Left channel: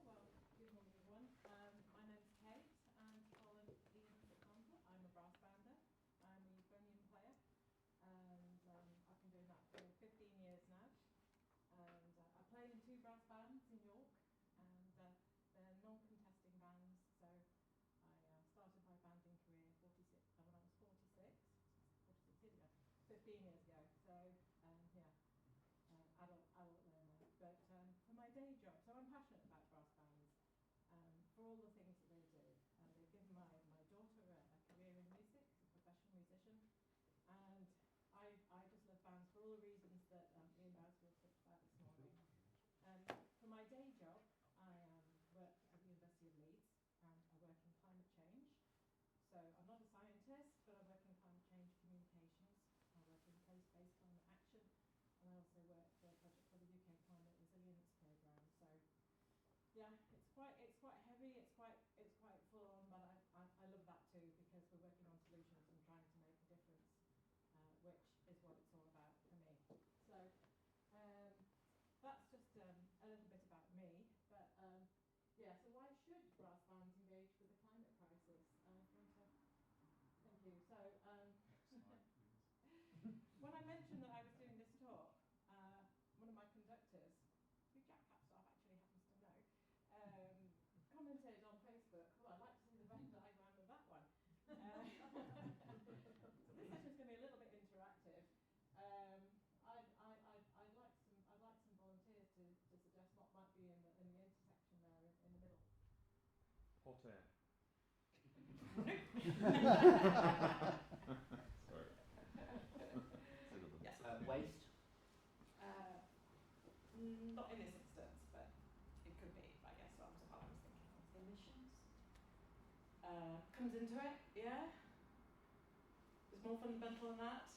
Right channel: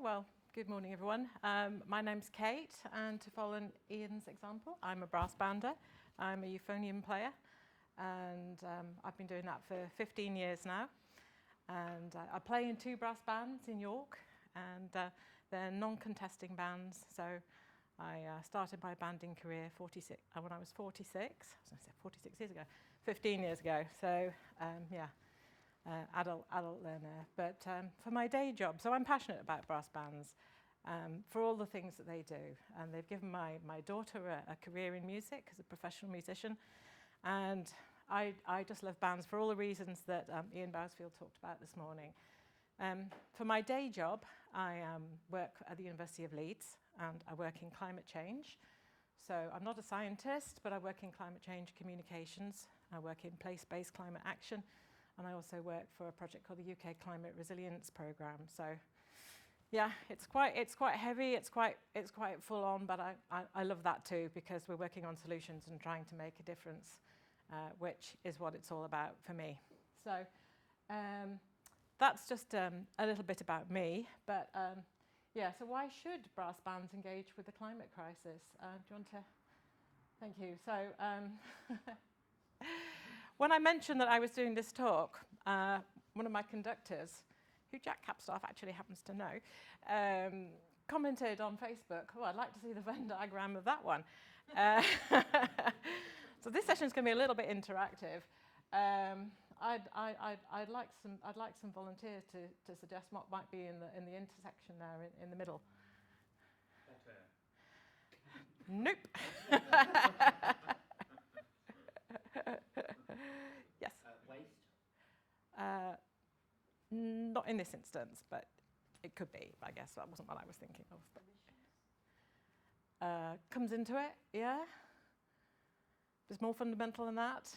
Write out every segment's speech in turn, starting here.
Well, good morning, everyone. My name's Kate, and to follow Ian's example, I'm a brass bander. I'm a euphonium player, and I've been doing that for 15 years now. And I play in 2 brass bands in York, and they're non-contesting bands. So I started my banding career when I was 46. I was going to say 46 years ago, 15 years ago. So adult learner. But for my day job, so I'm passionate about brass bands for all the things that they do. And they've given my daughter a career in music as a professional musician. And I just love bands for all the reasons that Ian Bousfield talked about this morning. For my day job, I work at the University of Leeds, and I work in climate change. So I'm not a scientist, but I work in climate change communications. I work in place-based climate action, and I also work for a project called the UK Climate Resilience Programme. So, yeah, it's quite heavy. It's quite full on, but I love that too, because we're working on solutions and trying to make a difference, which is what it's all about for me. So that's just a little bit about me. But so why should brass bands engage with the climate crisis? Do you want to? Thank you. So when I mentioned that I was doing this talk, one of my conductors, who Jack Capstaff actually happens to know, commented on Facebook, "Oh, I'd like to see the Venn diagram of that one." So this session is going to be a little bit interactive. I'd like some volunteers to suggest what might be in the intersection there in the middle. Hot air. Nope. Yes. Waste? Not in this instance, but it could be, I guess. That wasn't what I was thinking of. Emissions? Comes into it, yeah. It's more fundamental than that.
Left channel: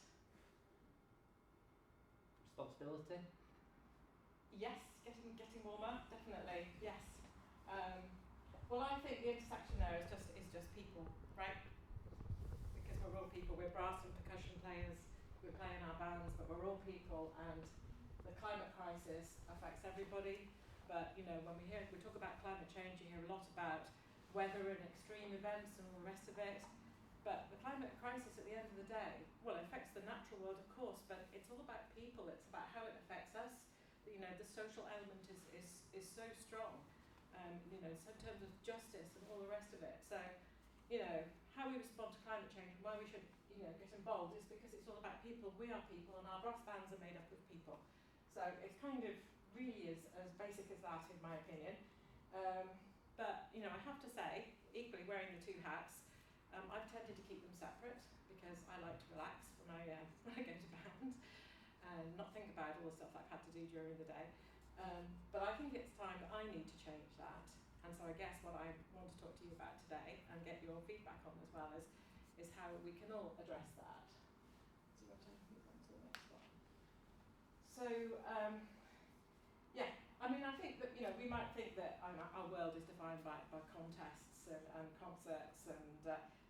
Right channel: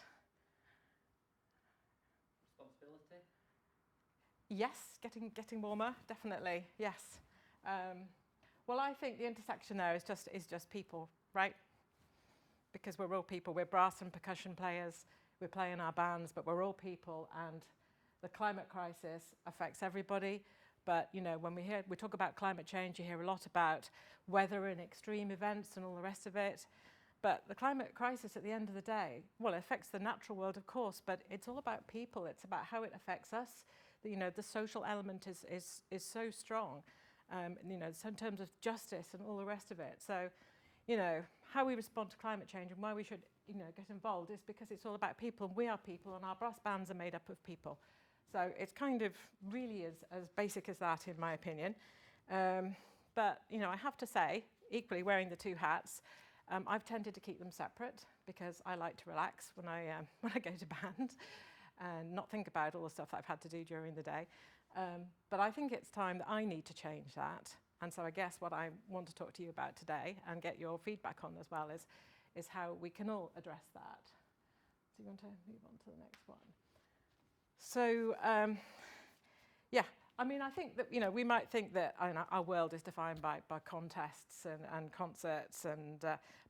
Responsibility? Yes, getting warmer, definitely, yes. Well, I think the intersection there is just people, right? Because we're all people. We're brass and percussion players. We play in our bands, but we're all people, and the climate crisis affects everybody. But, you know, when we talk about climate change, you hear a lot about weather and extreme events and all the rest of it. But the climate crisis at the end of the day, well, it affects the natural world, of course, but it's all about people. It's about how it affects us. You know, the social element is so strong, you know, in terms of justice and all the rest of it. So, you know, how we respond to climate change and why we should, you know, get involved is because it's all about people. We are people, and our brass bands are made up of people. So it's kind of really as basic as that, in my opinion. But, you know, I have to say, equally wearing the 2 hats, I've tended to keep them separate because I like to relax when I go to band and not think about all the stuff I've had to do during the day. But I think it's time that I need to change that. And so I guess what I want to talk to you about today and get your feedback on as well is how we can all address that. Do you want to move on to the next one? So, I mean, I think that, you know, we might think that our world is defined by contests and concerts and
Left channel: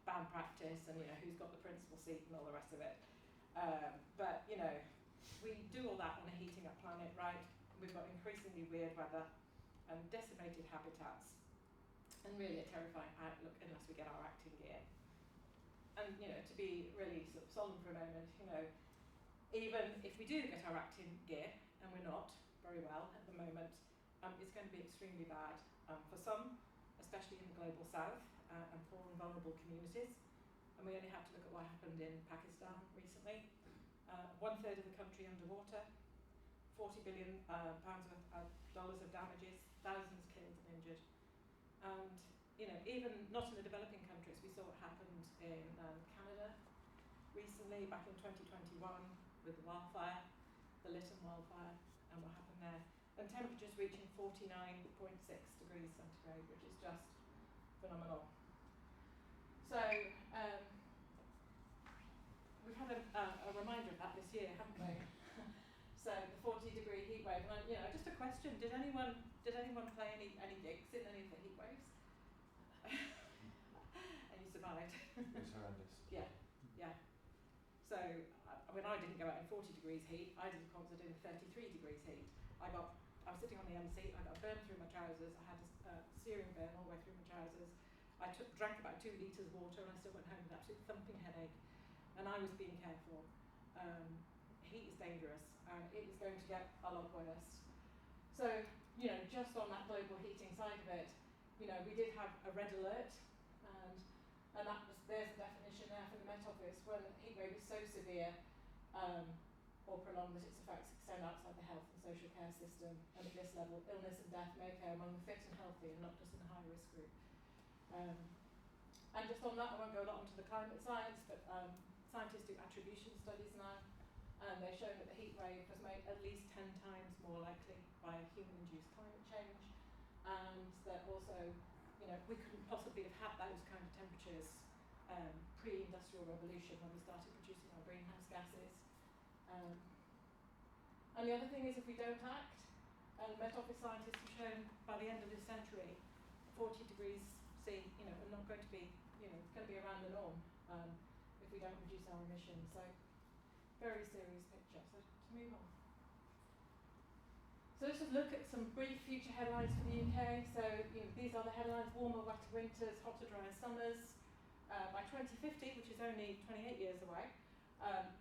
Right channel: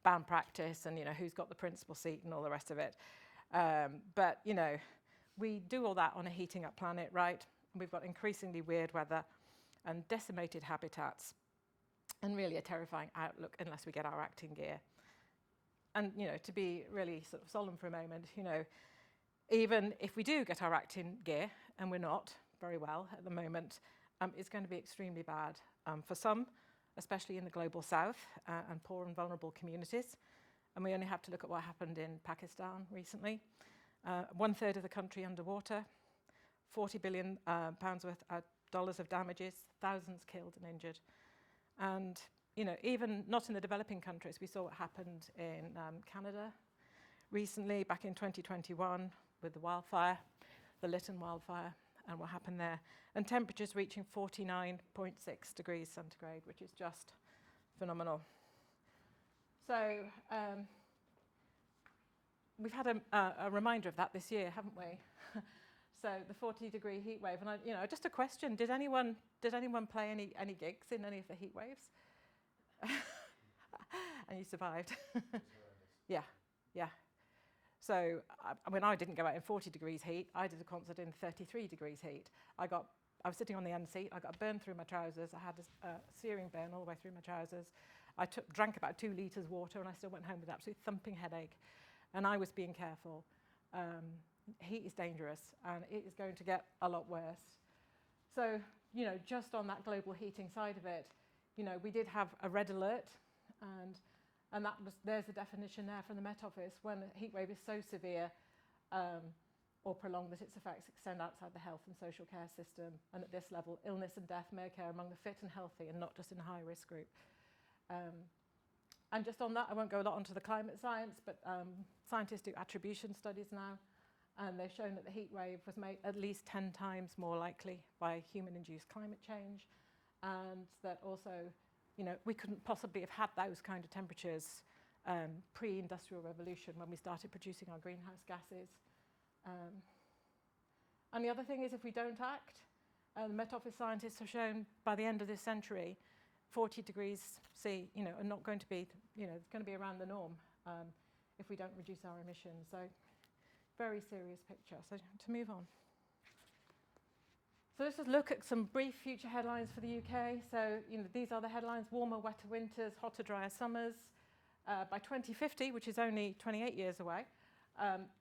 band practice and, you know, who's got the principal seat and all the rest of it. But, you know, we do all that on a heating up planet, right? We've got increasingly weird weather and decimated habitats and really a terrifying outlook unless we get our acting gear. And, you know, to be really sort of solemn for a moment, you know, even if we do get our acting gear, and we're not very well at the moment, it's going to be extremely bad for some, especially in the global south and poor and vulnerable communities. And we only have to look at what happened in Pakistan recently. 1/3 of the country underwater, $40 billion worth of dollars of damages, thousands killed and injured. And, you know, even not in the developing countries, we saw what happened in Canada recently, back in 2021, with the wildfire, the Lytton wildfire, and what happened there. And temperatures reaching 49.6 degrees centigrade, which is just phenomenal. So we've had a reminder of that this year, haven't we? So the 40-degree heat wave, and you know, just a question: did anyone play any gigs in any of the heat waves? And you survived. Yeah. So I mean, I didn't go out in 40 degrees heat. I did a concert in 33 degrees heat. I got I was sitting on the end seat. I got a burn through my trousers. I had a searing burn all the way through my trousers. I drank about 2 litres water, and I still went home with an absolute thumping headache. And I was being careful. Heat is dangerous, and it is going to get a lot worse. So, you know, just on that global heating side of it, you know, we did have a red alert, and that was, there's a definition there from the Met Office, when a heat wave is so severe or prolonged that its effects extend outside the health and social care system, and at this level, illness and death may occur among the fit and healthy and not just in a high-risk group. And just on that, I won't go a lot onto the climate science, but scientists do attribution studies now, and they've shown that the heat wave was made at least 10 times more likely by human-induced climate change, and that also, you know, we couldn't possibly have had those kind of temperatures pre-industrial revolution when we started producing our greenhouse gases. And the other thing is, if we don't act, Met Office scientists have shown by the end of this century, 40 degrees C, you know, are not going to be, you know, it's going to be around the norm if we don't reduce our emissions. So, very serious picture. So, to move on. So let's just look at some brief future headlines for the UK. So, you know, these are the headlines: warmer, wetter winters, hotter, drier summers. By 2050, which is only 28 years away,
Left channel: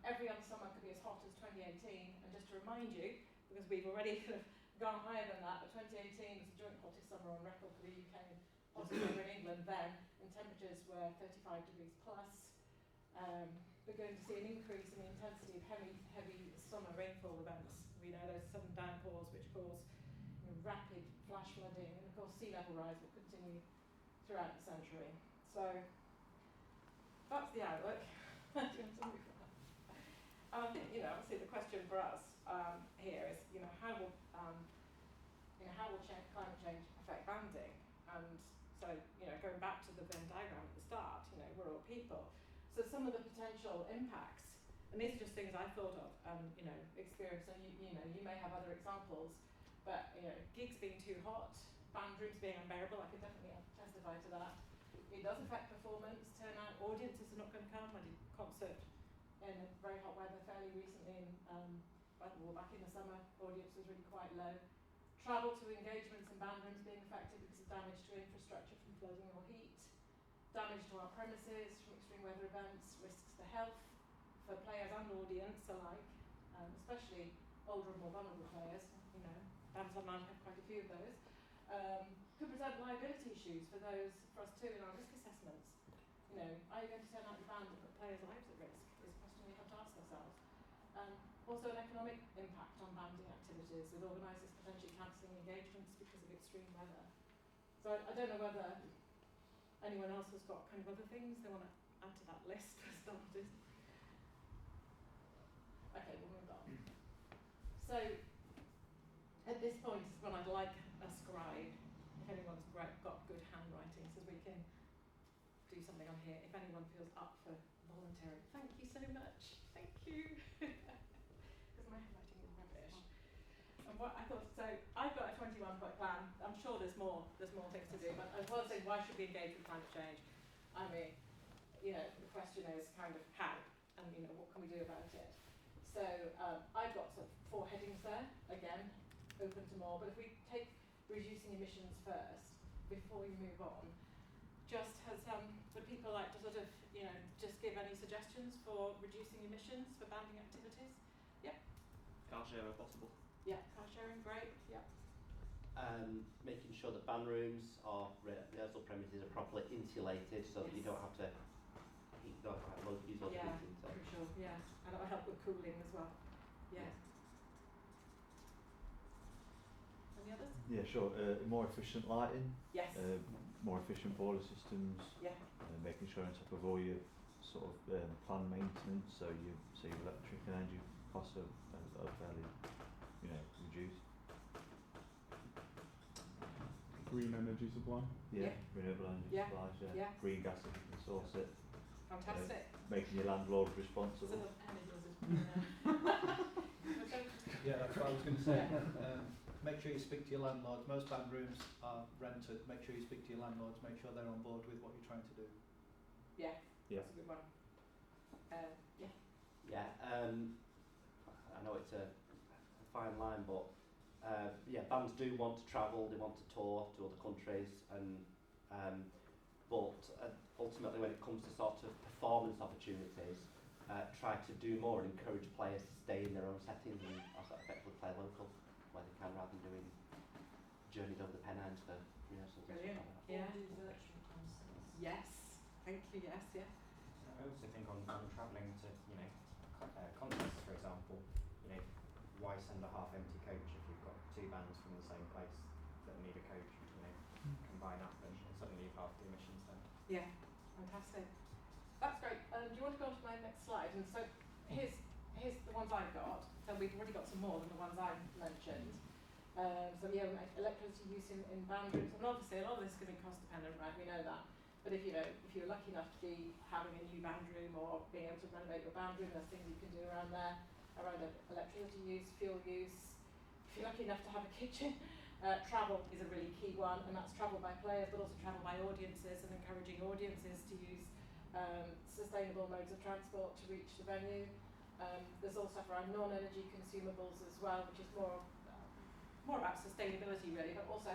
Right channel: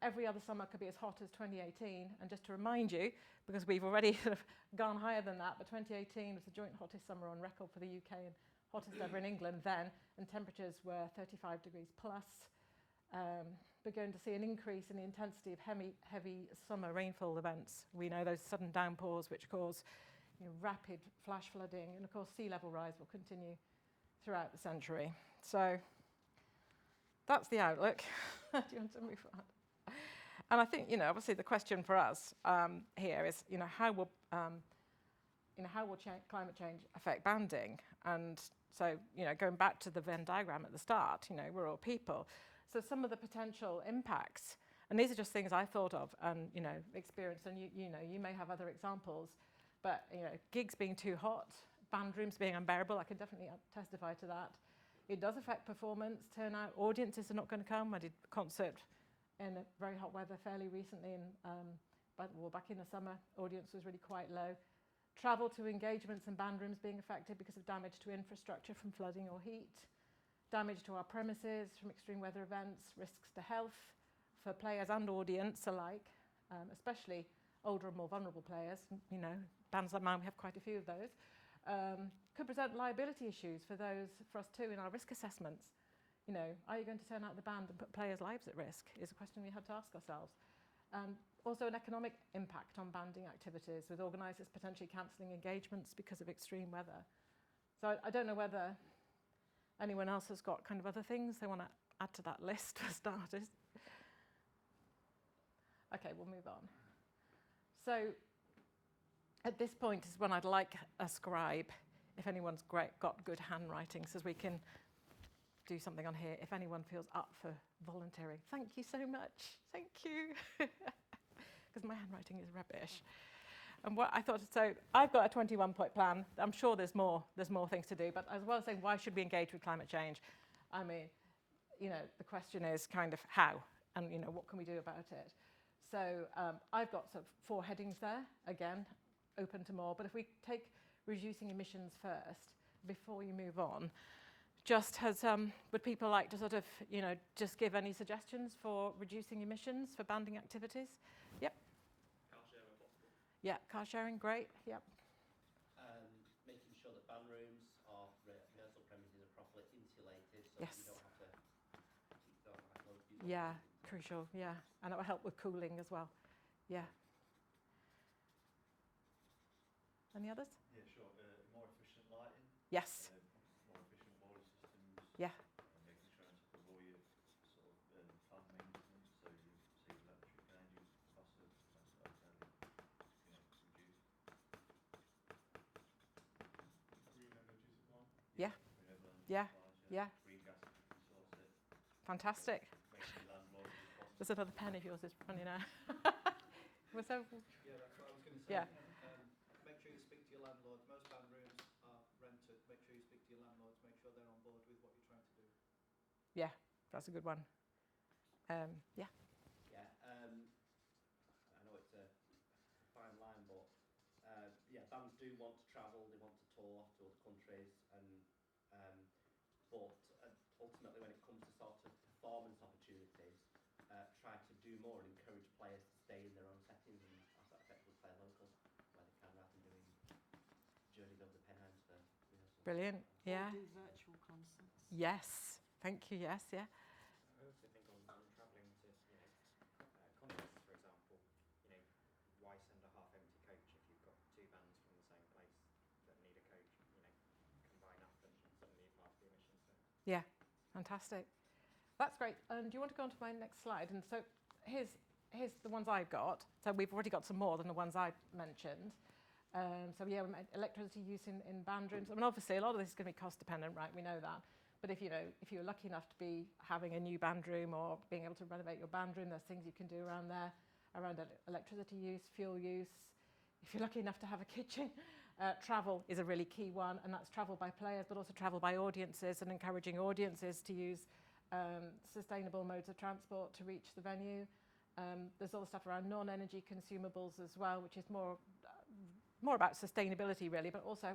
every other summer could be as hot as 2018. And just to remind you, because we've already sort of gone higher than that, but 2018 was the joint hottest summer on record for the UK and hottest summer in England then, and temperatures were 35 degrees plus. We're going to see an increase in the intensity of heavy summer rainfall events. We know those sudden downpours which cause, you know, rapid flash flooding, and of course sea level rise will continue throughout the century. So that's the outlook. And I think, you know, obviously the question for us here is, you know, how will climate change affect banding? And so, you know, going back to the Venn diagram at the start, you know, we're all people. So some of the potential impacts, and these are just things I thought of and, you know, experienced, and you know, you may have other examples, but, you know, gigs being too hot, band rooms being unbearable, I can definitely testify to that. It does affect performance, turnout, audiences are not going to come. I did a concert in very hot weather fairly recently, and back in the summer, audience was really quite low. Travel to engagements and band rooms being affected because of damage to infrastructure from flooding or heat. Damage to our premises from extreme weather events, risks to health for players and audience alike, especially older and more vulnerable players. You know, bands like mine, we have quite a few of those. Could present liability issues for us too in our risk assessments. You know, are you going to turn out the band and put players' lives at risk is a question we have to ask ourselves. Also an economic impact on banding activities, with organisers potentially cancelling engagements because of extreme weather. So I don't know whether anyone else has got kind of other things they want to add to that list for starters. Okay, we'll move on. So at this point is when I'd like a scribe, if anyone's got good handwriting, so we can do something on here if anyone feels up for volunteering. Thank you so much. Thank you. Because my handwriting is rubbish. And what I thought, so I've got a 21-point plan. I'm sure there's more things to do, but as well as saying, why should we engage with climate change? I mean, you know, the question is kind of how, and, you know, what can we do about it? So I've got sort of 4 headings there, again, open to more, but if we take reducing emissions first, before we move on, just would people like to sort of, you know, just give any suggestions for reducing emissions for banding activities? Yep. Car share if possible. Yeah, car sharing, great, yeah. Making sure that band rooms or rehearsal premises are properly insulated so that you don't have to use all the heating. Crucial, yeah. And that will help with cooling as well. Yeah. Any others? Yeah, sure. More efficient lighting. Yes. More efficient boiler systems. Yeah. Making sure on top of all your sort of planned maintenance, so your electric and energy costs are fairly, you know, reduced. Green energy supply. Yeah. Renewable energy supplies. Yeah. Green gas if you can source it. Fantastic. Making your landlord responsible. There's another pen if yours is running out. Yeah, that's what I was going to say. Make sure you speak to your landlords. Most band rooms are rented. Make sure you speak to your landlords. Make sure they're on board with what you're trying to do. Yeah, that's a good one. Yeah. Yeah, I know it's a fine line, but yeah, bands do want to travel, they want to tour to other countries, and but ultimately when it comes to sort of performance opportunities, try to do more and encourage players to stay in their own settings and also effectively play local where they can, rather than doing journeys over the Pennines for, you know, some Brilliant. Yeah. Or do virtual concerts. Yes. Thank you. Yes. Yeah. I also think on travelling to, you know, concerts, for example, you know, why send a half-empty coach if you've got two bands from the same place that need a coach, you know, combine up and suddenly you've half the emissions then. Yeah. Fantastic. That's great. Do you want to go on to my next slide? And so here's the ones I've got. So we've already got some more than the ones I've mentioned. So yeah, we make electricity use in band rooms. I mean, obviously a lot of this is going to be cost dependent, right? We know that. But if you're lucky enough to be having a new band room or being able to renovate your band room, there's things you can do around there, around electricity use, fuel use. If you're lucky enough to have a kitchen, travel is a really key one, and that's travel by players, but also travel by audiences, and encouraging audiences to use sustainable modes of transport to reach the venue. There's all stuff around non-energy consumables as well, which is more about sustainability really, but also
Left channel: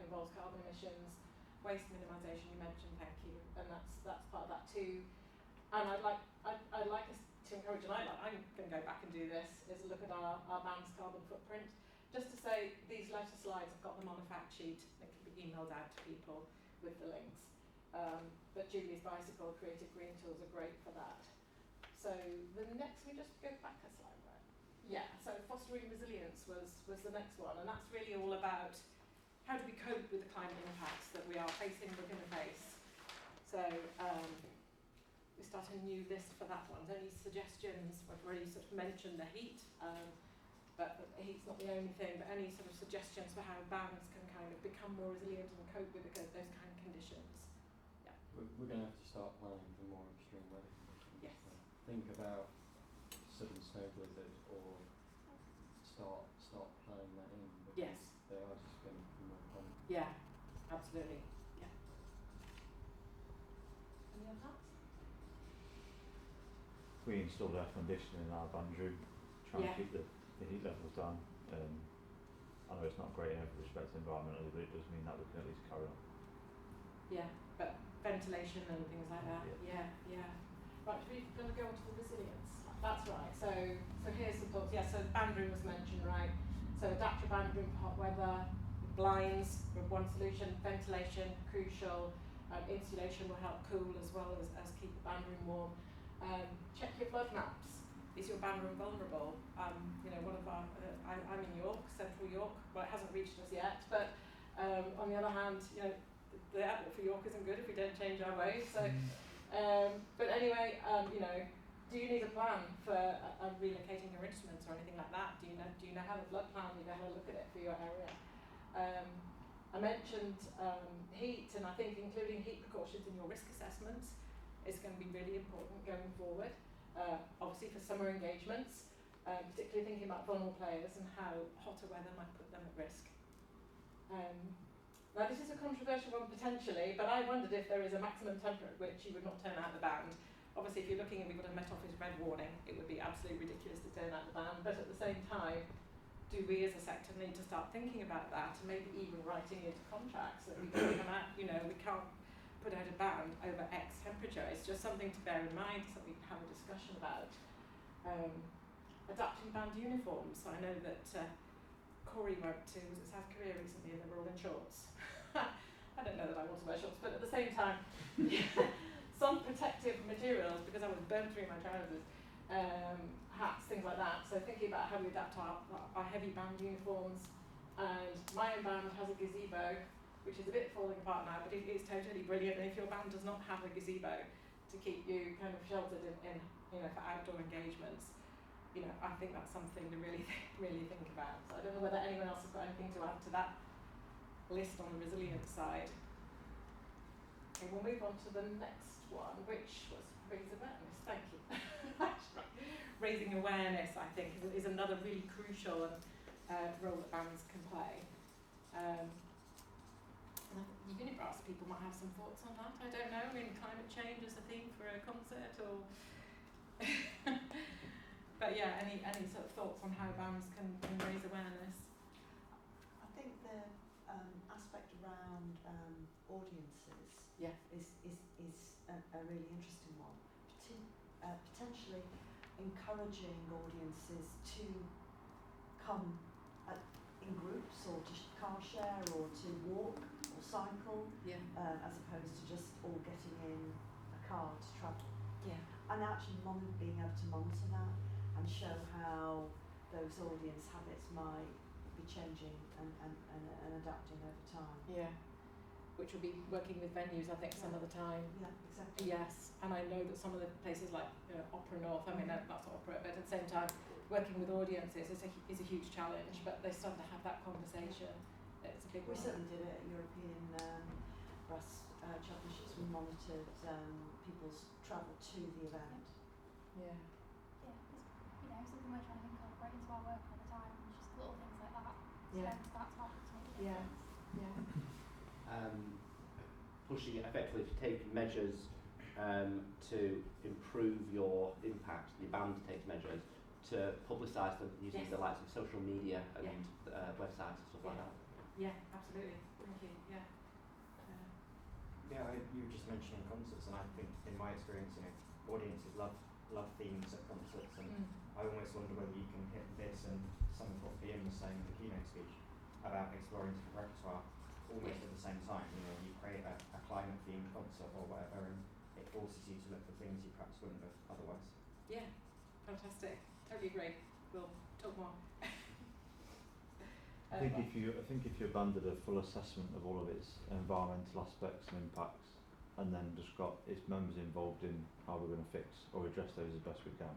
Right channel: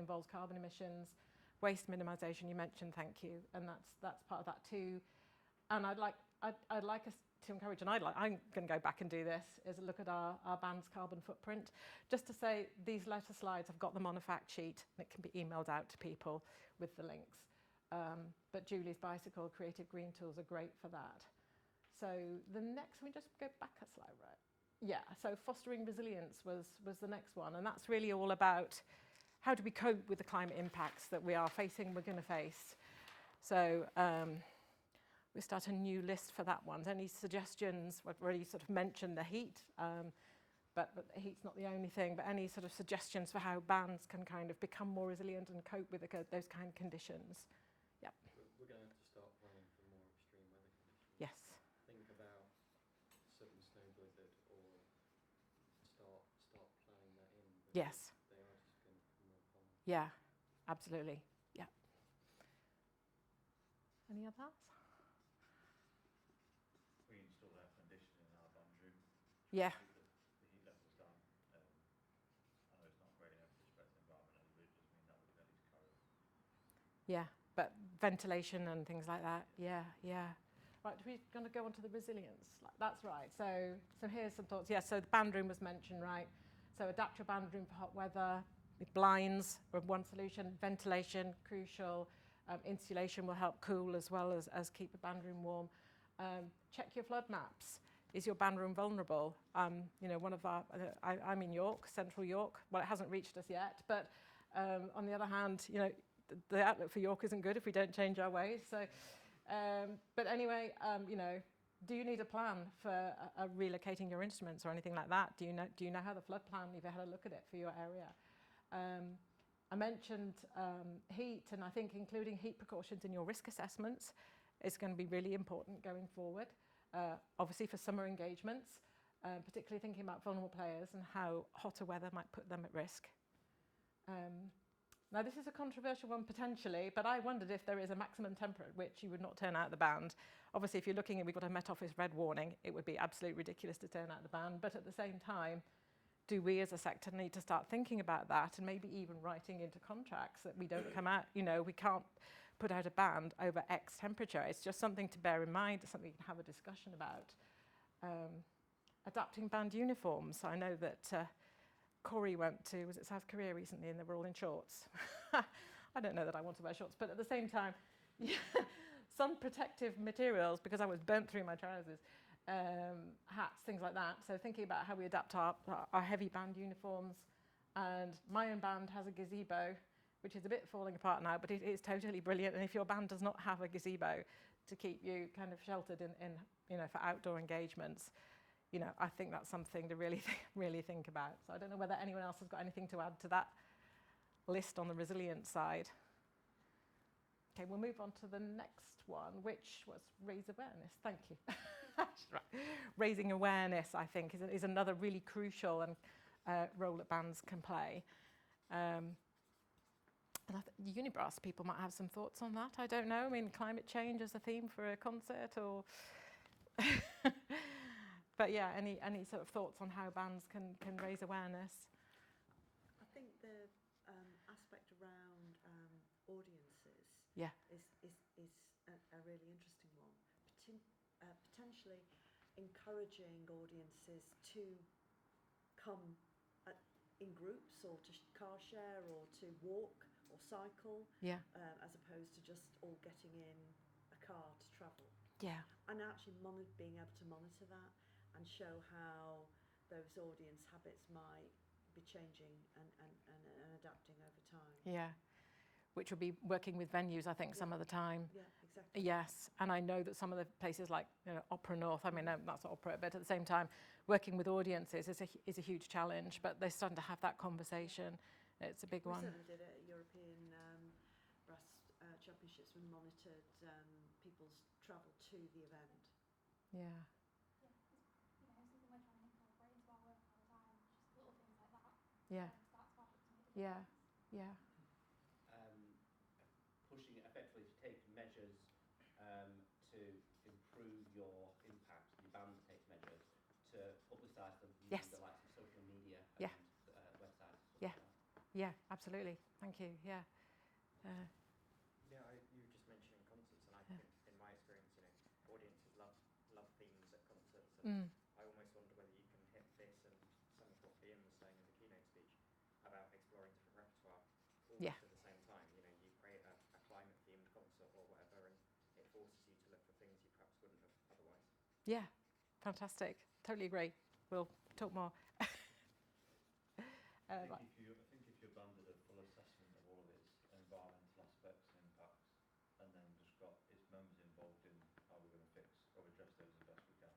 involves carbon emissions. Waste minimisation you mentioned, thank you, and that's part of that too. And I'd like us to encourage, and I'm going to go back and do this, is look at our band's carbon footprint. Just to say, these letter slides, I've got them on a fact sheet that can be emailed out to people with the links. But Julie's Bicycle Creative Green Tools are great for that. So the next, we just go back a slide, right? Yeah, so fostering resilience was the next one, and that's really all about how do we cope with the climate impacts that we're going to face. So we start a new list for that one. Any suggestions? We've already sort of mentioned the heat, but the heat's not the only thing, but any sort of suggestions for how bands can kind of become more resilient and cope with those kind of conditions? Yeah. We're going to have to start planning for more extreme weather conditions. Yes. Think about sudden snow blizzard, or start planning that in. Yes. They are just going to be more common. Yeah, absolutely. Yeah. Any of that? We installed air conditioning in our band room, trying Yeah. to keep the heat levels down. I know it's not great in every respect environmentally, but it does mean that we can at least carry on. Yeah, but ventilation and things like that. Yeah. Yeah. Right, we're going to go on to the resilience. That's right. So here's some thoughts. Yeah, so the band room was mentioned, right? So adapt your band room for hot weather. With blinds were one solution. Ventilation, crucial. Insulation will help cool as well as keep the band room warm. Check your flood maps. Is your band room vulnerable? One of our, I'm in York, central York. Well, it hasn't reached us yet, but on the other hand, the outlook for York isn't good if we don't change our ways. So, but anyway, do you need a plan for relocating your instruments or anything like that? Do you know how the flood plan? You've had a look at it for your area. I mentioned heat, and I think including heat precautions in your risk assessments is going to be really important going forward. Obviously for summer engagements, particularly thinking about vulnerable players and how hotter weather might put them at risk. Now this is a controversial one potentially, but I wondered if there is a maximum temperature at which you would not turn out the band. Obviously if you're looking at, we've got a Met Office red warning, it would be absolutely ridiculous to turn out the band, but at the same time, do we as a sector need to start thinking about that and maybe even writing into contracts that we don't come out, we can't put out a band over X temperature. It's just something to bear in mind, something to have a discussion about. Adapting band uniforms. I know that Corey went to, was it South Korea recently, and they were all in shorts. I don't know that I want to wear shorts, but at the same time, some protective materials, because I was burnt through my trousers, hats, things like that. So thinking about how we adapt our heavy band uniforms. And my own band has a gazebo, which is a bit falling apart now, but it is totally brilliant. And if your band does not have a gazebo to keep you kind of sheltered in for outdoor engagements, I think that's something to really think about. So I don't know whether anyone else has got anything to add to that list on the resilience side. Okay, we'll move on to the next one, which was raise awareness. Thank you. That's right. Raising awareness, I think, is another really crucial role that bands can play. And Unibrass people might have some thoughts on that. I don't know. I mean, climate change as a theme for a concert, or but yeah, any sort of thoughts on how bands can raise awareness? audiences Yeah. is a really interesting one. Potentially encouraging audiences to come in groups or to car share or to walk or cycle, Yeah. as opposed to just all getting in a car to travel. Yeah. And actually being able to monitor that and show how those audience habits might be changing and adapting over time. Yeah. Which will be working with venues, I think, some of the time. Yeah, exactly. Yes, and I know that some of the places like Opera North, I mean that's opera, but at the same time, working with audiences is a huge challenge. But they're starting to have that conversation. It's a big We one. certainly did it at European Brass Championships. We monitored people's travel to the event. Yeah. Yeah, it's, something we're trying to incorporate into our work all the time, and just little things like that. Yeah. So that's what to make a Yeah. difference. Yeah. Pushing it effectively to take measures to improve your impact. Your band takes measures to publicise them using Yes. the likes of social media and Yeah. websites and stuff Yeah. like that. Yeah, absolutely. Thank you. Yeah. Yeah, you were just mentioning concerts, and I think in my experience, audiences love themes at concerts, and I almost wonder whether you can hit this and some of what Ian was saying in the keynote speech about exploring different repertoire almost Yeah. at the same time. You create a climate themed concert or whatever, and it forces you to look for things you perhaps wouldn't have otherwise. Yeah. Fantastic. Totally agree. We'll talk more. I think if your band did a full assessment of all of its environmental aspects and impacts, and then just got its members involved in how we're going to fix or address those as best we can,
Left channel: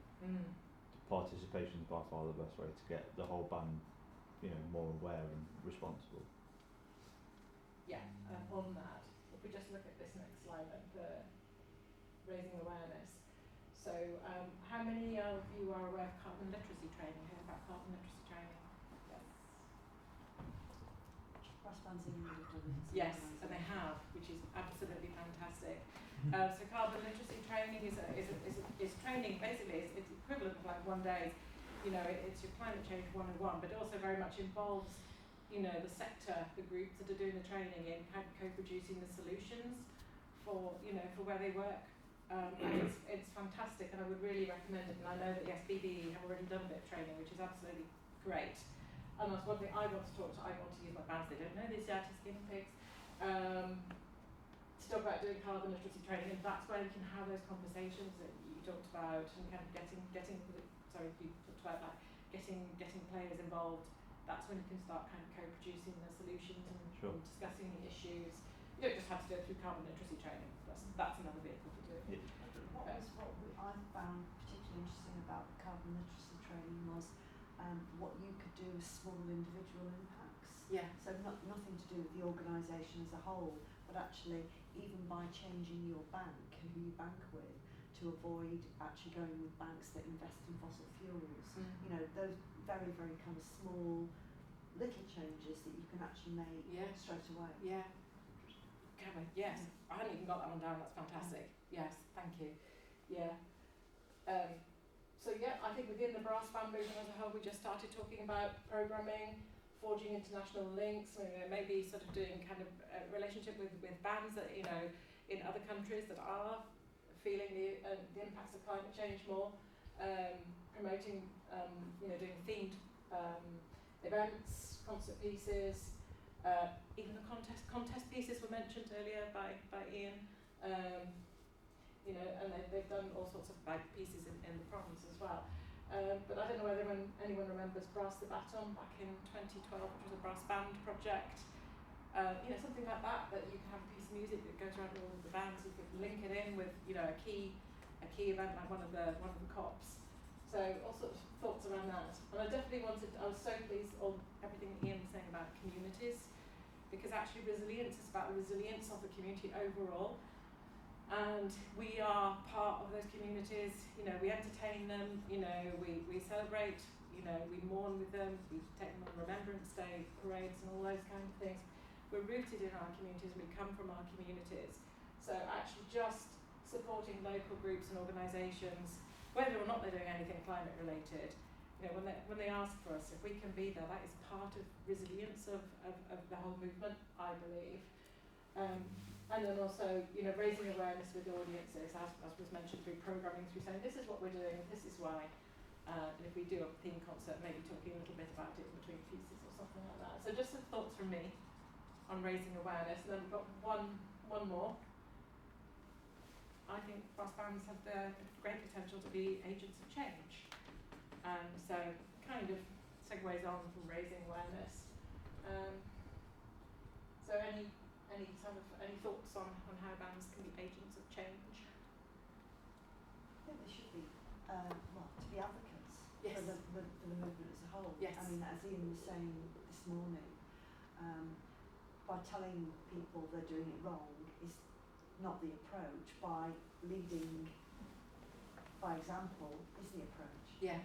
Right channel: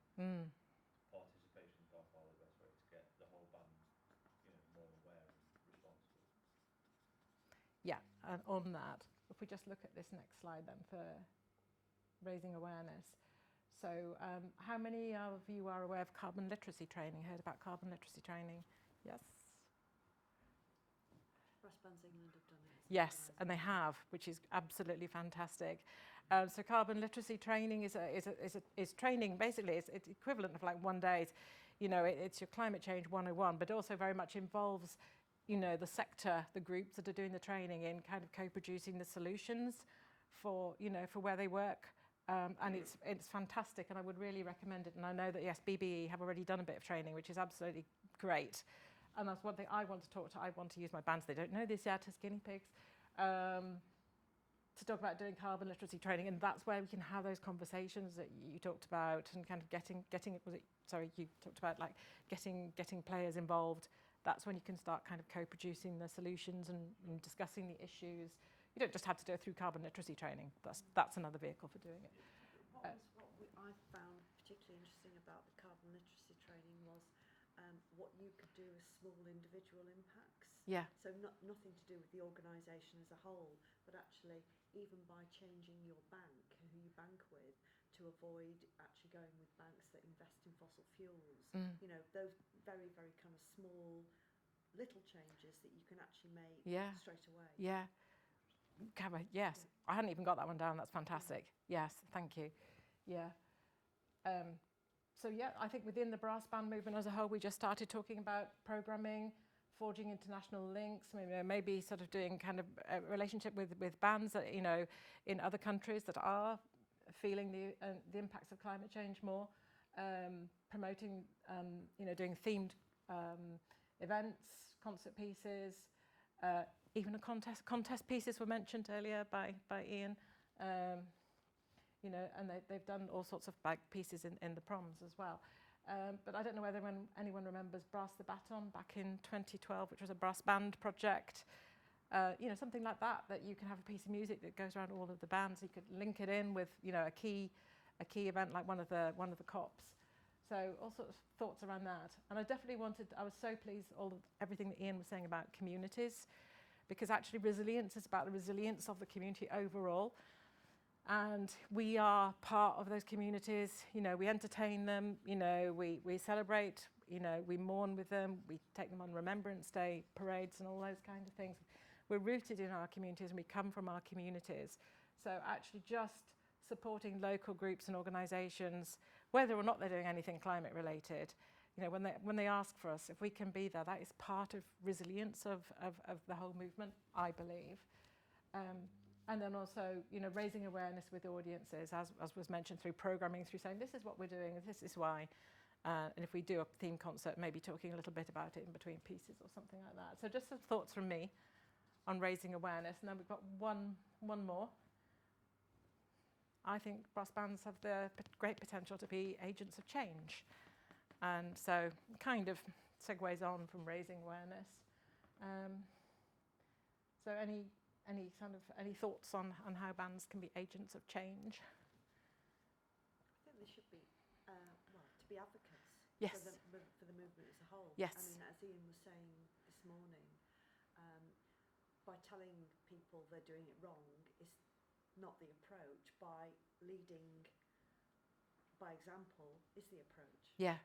participation is by far the best way to get the whole band, more aware and responsible. Yeah, on that, if we just look at this next slide then for raising awareness. So how many of you are aware of carbon literacy training? Heard about carbon literacy training? Yes. Brass bands in England have done it. Yes, and they have, which is absolutely fantastic. So carbon literacy training is training, basically it's equivalent of like 1 day. It's your climate change 101, but also very much involves the sector, the groups that are doing the training in kind of co-producing the solutions for where they work. And it's fantastic, and I would really recommend it. And I know that yes, BBE have already done a bit of training, which is absolutely great. And that's one thing I want to talk to. I want to use my bands. They don't know this yet as guinea pigs. To talk about doing carbon literacy training, and that's where we can have those conversations that you talked about, and kind of getting you talked about like getting players involved. That's when you can start kind of co-producing the solutions and discussing the issues. You don't just have to do it through carbon literacy training. That's another vehicle to do it. What I found particularly interesting about the carbon literacy training was what you could do with small individual impacts. Yeah. So nothing to do with the organisation as a whole, but actually even by changing your bank and who you bank with, to avoid actually going with banks that invest in fossil fuels. Those very, very kind of small little changes that you can actually make straight away. Yeah. Cabba, yes. I hadn't even got that one down. That's fantastic. Yes, thank you. Yeah. I think within the brass band movement as a whole, we just started talking about programming, forging international links, maybe sort of doing kind of a relationship with bands that in other countries that are feeling the impacts of climate change more, promoting doing themed events, concert pieces, even the contest pieces were mentioned earlier by Ian, and they've done all sorts of pieces in the proms as well. But I don't know whether anyone remembers Brass the Baton back in 2012, which was a brass band project. Something like that you can have a piece of music that goes around all of the bands. You could link it in with a key event like one of the COPs. So all sorts of thoughts around that. And I was so pleased everything that Ian was saying about communities, because actually resilience is about the resilience of the community overall. And we are part of those communities, we entertain them, we celebrate, we mourn with them, we take them on Remembrance Day parades and all those kind of things. We're rooted in our communities and we come from our communities. So actually just supporting local groups and organisations, whether or not they're doing anything climate related, when they ask for us, if we can be there, that is part of resilience of the whole movement, I believe. And then also, raising awareness with audiences, as was mentioned, through programming, through saying this is what we're doing, this is why. And if we do a theme concert, maybe talking a little bit about it in between pieces or something like that. So just some thoughts from me on raising awareness. And then we've got one more. I think brass bands have the great potential to be agents of change. So kind of segues on from raising awareness. So any thoughts on how bands can be agents of change? I think they should be, to be advocates Yes. for the movement as a whole. Yes. I mean, as Ian was saying this morning, by telling people they're doing it wrong is not the approach. By leading by example is the approach. Yeah,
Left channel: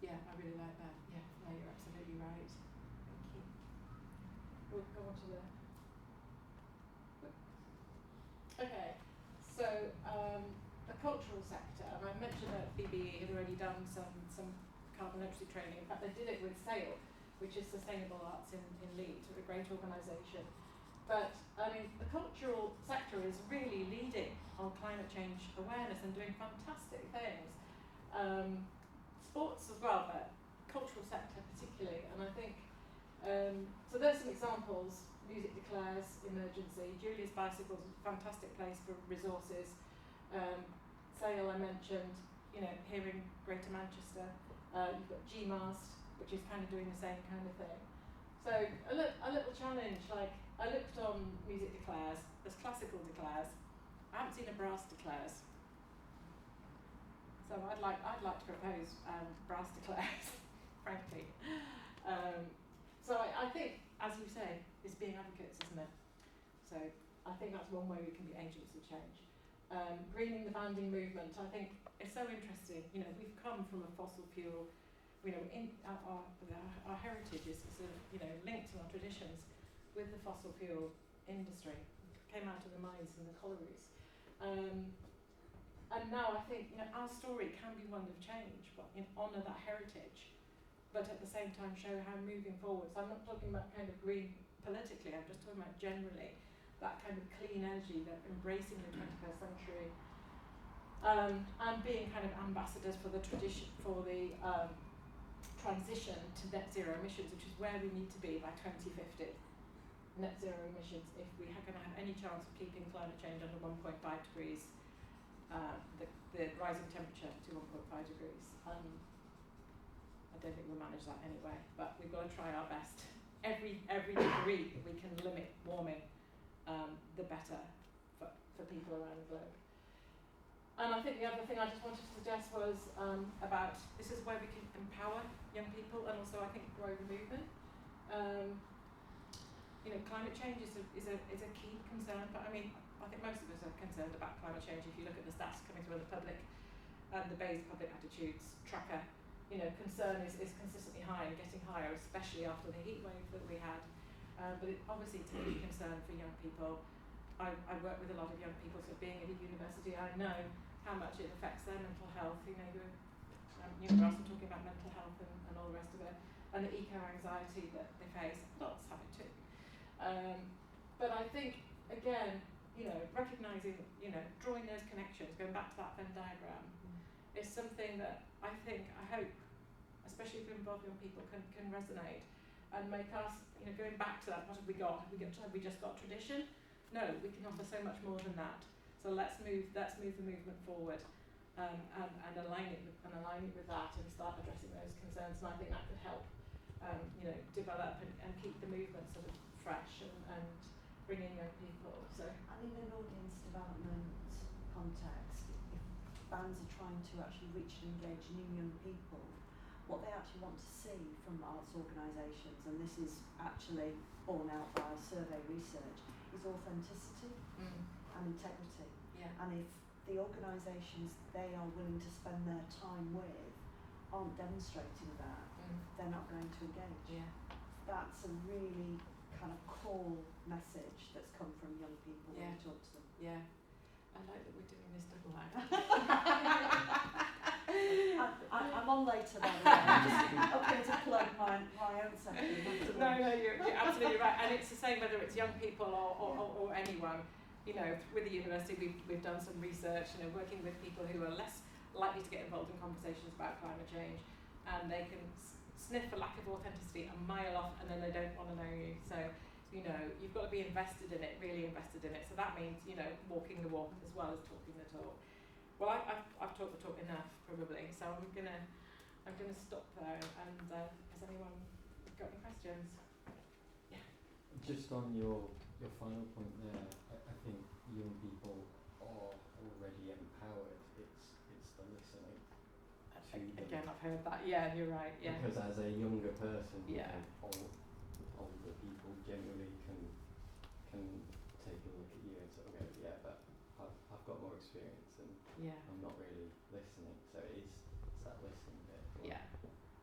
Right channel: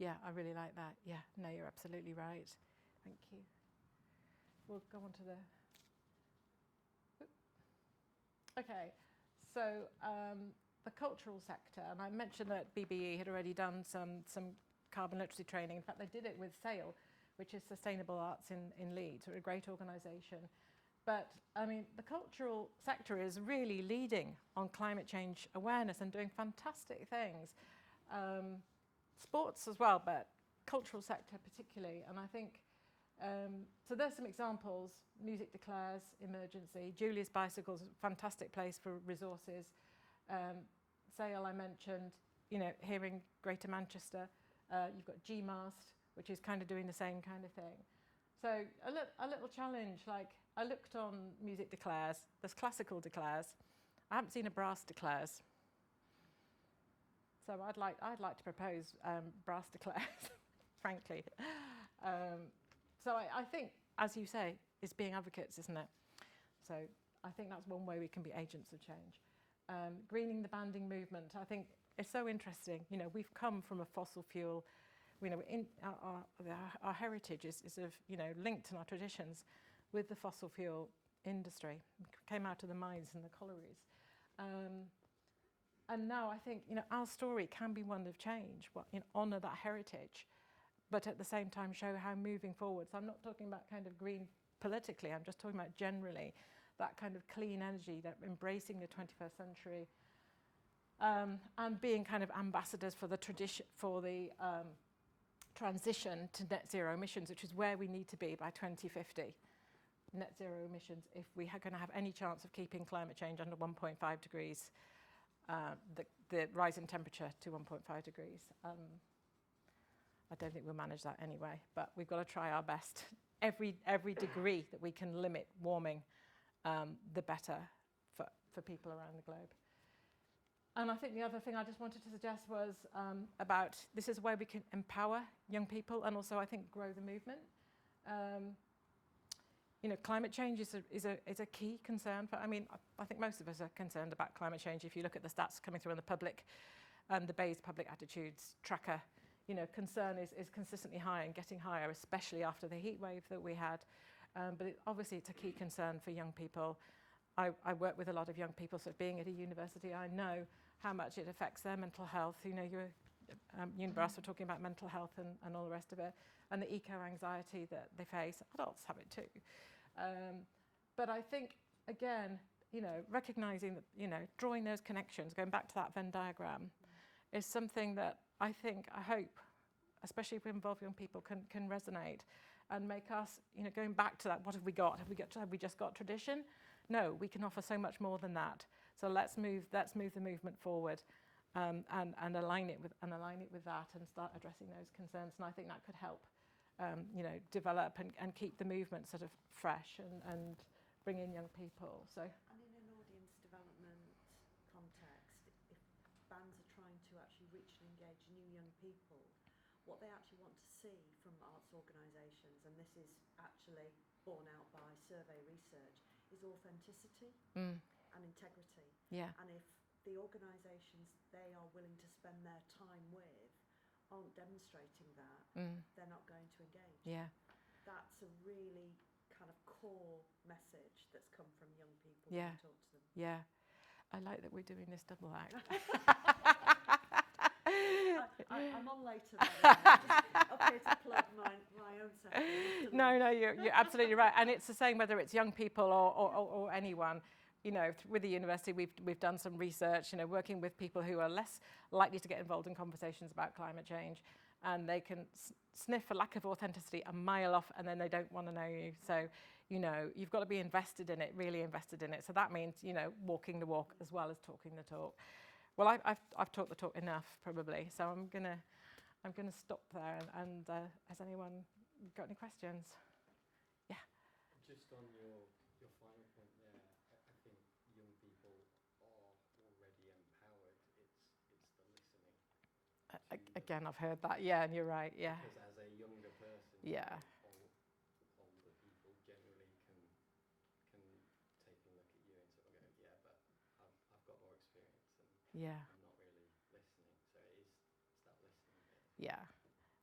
I really like that. Yeah, no, you're absolutely right. Thank you. We'll go on to the... Okay, so the cultural sector, and I mentioned that BBE had already done some carbon literacy training. In fact, they did it with SAIL, which is Sustainable Arts in Leeds. They're a great organisation. But, I mean, the cultural sector is really leading on climate change awareness and doing fantastic things. Sports as well, but cultural sector particularly. And I think, so there's some examples. Music Declares, Emergency, Julia's Bicycles, fantastic place for resources. SAIL I mentioned, here in Greater Manchester. You've got GMAST, which is kind of doing the same kind of thing. So a little challenge, like I looked on Music Declares, there's classical declares. I haven't seen a brass declares. So I'd like to propose brass declares, frankly. So I think, as you say, it's being advocates, isn't it? So I think that's one way we can be agents of change. Greening the banding movement, I think it's so interesting. We've come from a fossil fuel, in our heritage is sort of, linked in our traditions with the fossil fuel industry. Came out of the mines and the collieries. And now I think, our story can be one of change, honour that heritage, but at the same time show how moving forward. So I'm not talking about kind of green politically, I'm just talking about generally that kind of clean energy, that embracing the 21st century, and being kind of ambassadors for the tradition, for the transition to net zero emissions, which is where we need to be by 2050. Net zero emissions, if we are going to have any chance of keeping climate change under 1.5 degrees, the rising temperature to 1.5 degrees. I don't think we'll manage that anyway, but we've got to try our best. Every degree that we can limit warming, the better for people around the globe. And I think the other thing I just wanted to suggest was about, this is a way we can empower young people and also I think grow the movement. Climate change is a key concern, but I mean, I think most of us are concerned about climate change. If you look at the stats coming through in the public, the Bayes Public Attitudes Tracker, concern is consistently high and getting higher, especially after the heat wave that we had. But obviously it's a key concern for young people. I work with a lot of young people, so being at a university, I know how much it affects their mental health. You're also talking about mental health and all the rest of it, and the eco-anxiety that they face. Adults have it too. But I think, again, recognising, drawing those connections, going back to that Venn diagram, is something that I hope, especially if we involve young people, can resonate and make us, going back to that, what have we got? Have we just got tradition? No, we can offer so much more than that. So let's move the movement forward, and align it with that and start addressing those concerns. And I think that could help, develop and keep the movement sort of fresh and bring in young people. So And in an audience development context, if bands are trying to actually reach and engage new young people, what they actually want to see from arts organisations, and this is actually borne out by survey research, is authenticity and integrity. yeah, And if the organisations they are willing to spend their time with aren't demonstrating that, they're not going to engage. yeah, That's a really kind of core message that's come from young people Yeah. when we talk to them. yeah. I like that we're doing this double act. I'm on later then. I'm just hoping to plug my own section. No, you're absolutely right. And it's the same whether it's young people or anyone. you know, with the university, we've done some research, you know, working with people who are less likely to get involved in conversations about climate change, and they can sniff a lack of authenticity a mile off, and then they don't want to know you. So, you know, you've got to be invested in it, really invested in it. So that means, you know, walking the walk as well as talking the talk. Well, I've talked the talk enough probably, so I'm gonna stop there. And has anyone got any questions? Yeah. Just on your final point there, I think young people are already empowered. It's the listening. Again, I've heard that. Yeah, you're right. Yeah. Because as a younger person, yeah, older people generally can take a look at you and sort of go, yeah, but I've got more experience and I'm not really listening. So it's that listening bit. Yeah,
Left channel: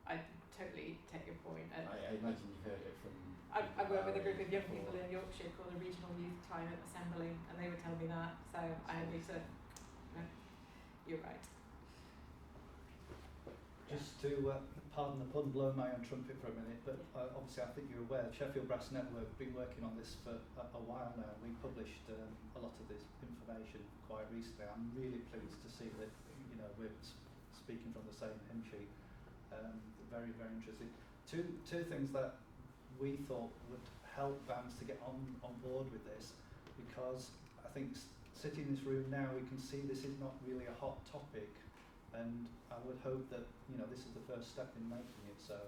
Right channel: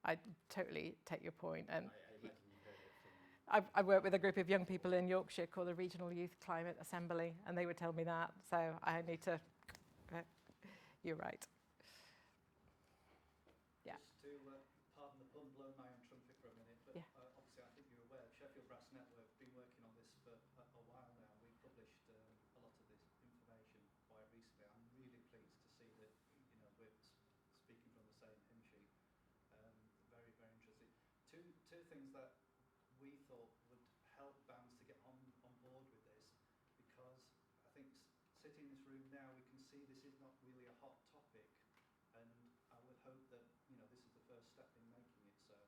I totally take your point. And I imagine you've heard it from. I work with a group of young people in Yorkshire called the Regional Youth Climate Assembly, and they would tell me that. So I need to. You're right. Just to, pardon the pun, blow my own trumpet for a minute, but obviously I think you're aware, Sheffield Brass Network have been working on this for a while now. We published a lot of this information quite recently. I'm really pleased to see that, you know, we're speaking from the same hymn sheet. Very, very interesting. Two things that we thought would help bands to get on board with this, because I think sitting in this room now, we can see this is not really a hot topic, and I would hope that, you know, this is the first step in making it so.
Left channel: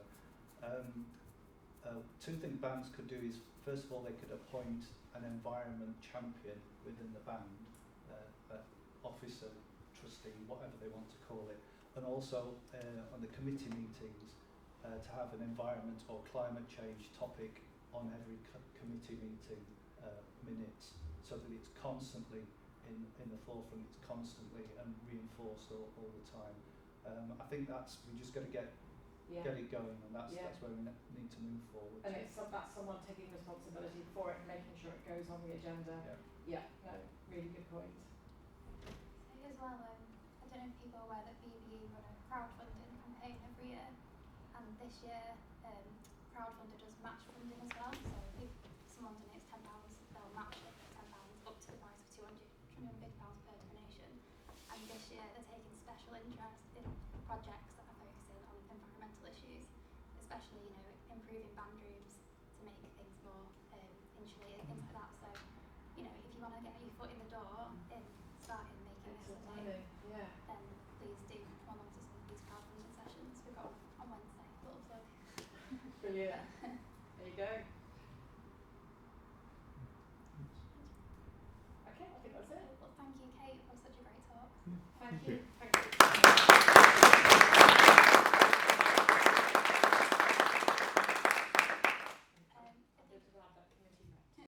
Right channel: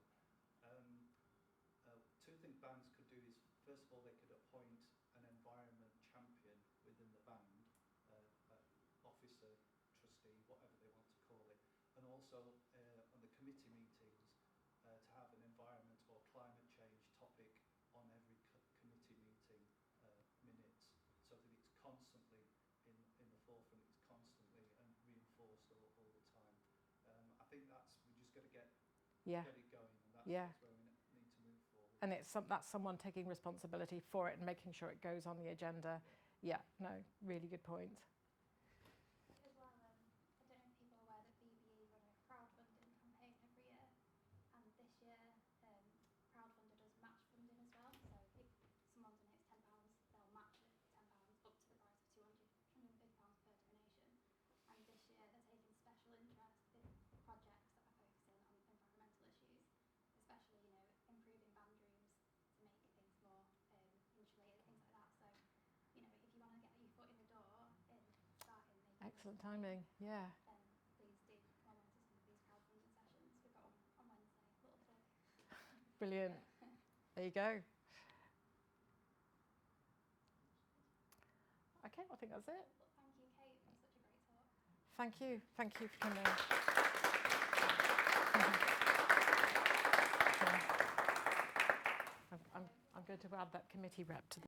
Two things bands could do is, first of all, they could appoint an environment champion within the band, officer, trustee, whatever they want to call it, and also on the committee meetings to have an environment or climate change topic on every committee meeting minutes, so that it's constantly in the forefront, it's constantly and reinforced all the time. I think we just got to get it going, and that's where we need to move forward. And that's someone taking responsibility for it and making sure it goes on the agenda. Yeah, no, really good point. So as well, I don't know if people are aware that BBE run a crowdfunding campaign every year, and this year crowdfunder does match funding as well. So if someone donates £10, they'll match it £10 up to the price of £250 per donation. And this year they're taking special interest in projects that are focusing on environmental issues, especially, you know, improving band rooms to make things more insulated, things like that. So, you know, if you want to get your foot in the door in starting making Excellent this timing. Yeah. then please do come along to some of these crowdfunding sessions we've got on Wednesday. Little plug. Brilliant. There you go. Okay, I think that's it. Well, thank you, Kate, for such a great talk. Thank you. Thank you. I'm going to add that committee rep to